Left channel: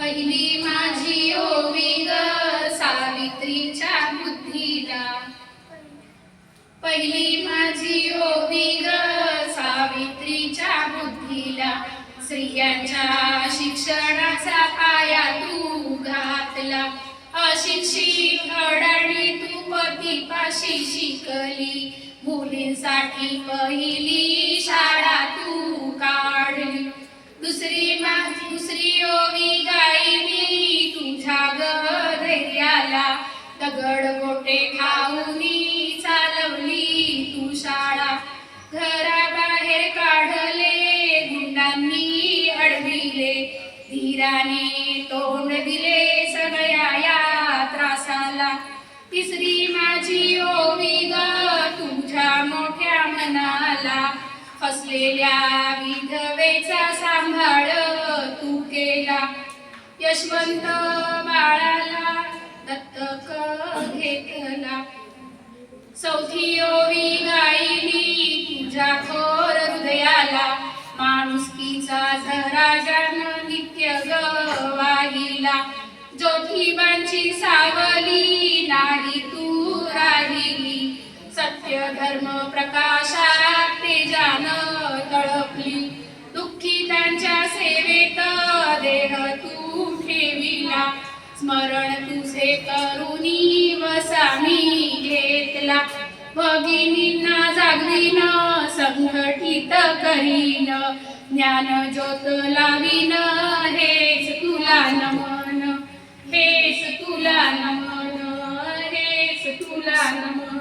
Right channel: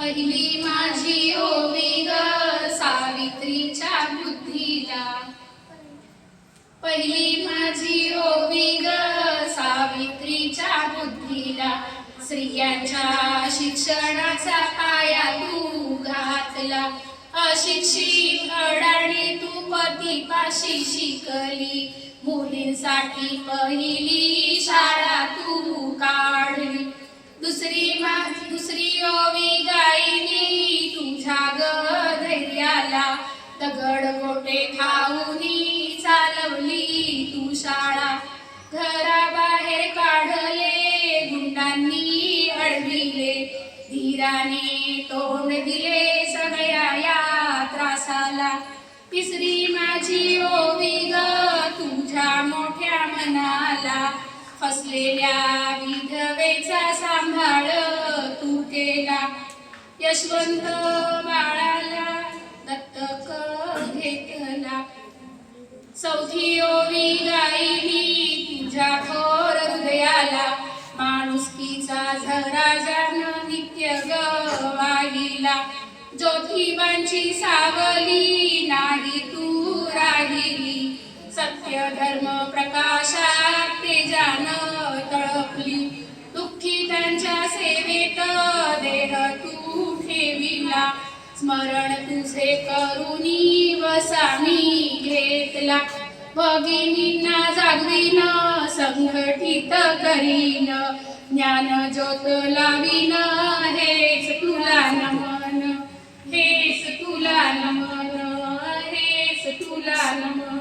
पहिली माझी ओवी ग सावित्रीच्या बुद्धीला, पहिली माझी ओवी ग सावित्रीच्या बुद्धीला. स्त्रियांच्या शिक्षणाचा पाया तू घातला, अशिक्षित अडाणी तू पतीपाशी शिकली. मुलींसाठी पहिली शाळा तू काढली. दुसरी ओवी गायली तुझ्या ग धैर्याला, दगड गोटे खाऊनी चालवली तू शाळा. घराबाहेर काढले गुंडांनी अडविले, धीराने तोंड दिले सगळ्या या त्रासाला. तिसरी माझी ओवी ग तुझ्या मोठ्या मनाला, फसलेल्या विधवेचा सांभाळ तू केला. यशवंत बाळाला दत्तक घेतला. चौथी ओवी गायली तुझ्या थोर हृदयाला, माणुसकीचा झरा ज्यानं नित्य गवाहिला. ज्योतिबांची सावली नाही तू राहिली, सत्य धर्म प्रकाशात तेजानं तळपली. दुःखितांच्या सेवेत देह तू ठेविला, स्मरण तुझे करुणी वसामी घेतला. भगिनींना जागविन संघटित करीन, ज्ञान ज्योत लावीन हेच तुला नमन, हेच तुला नमन, हेच तुला नमन.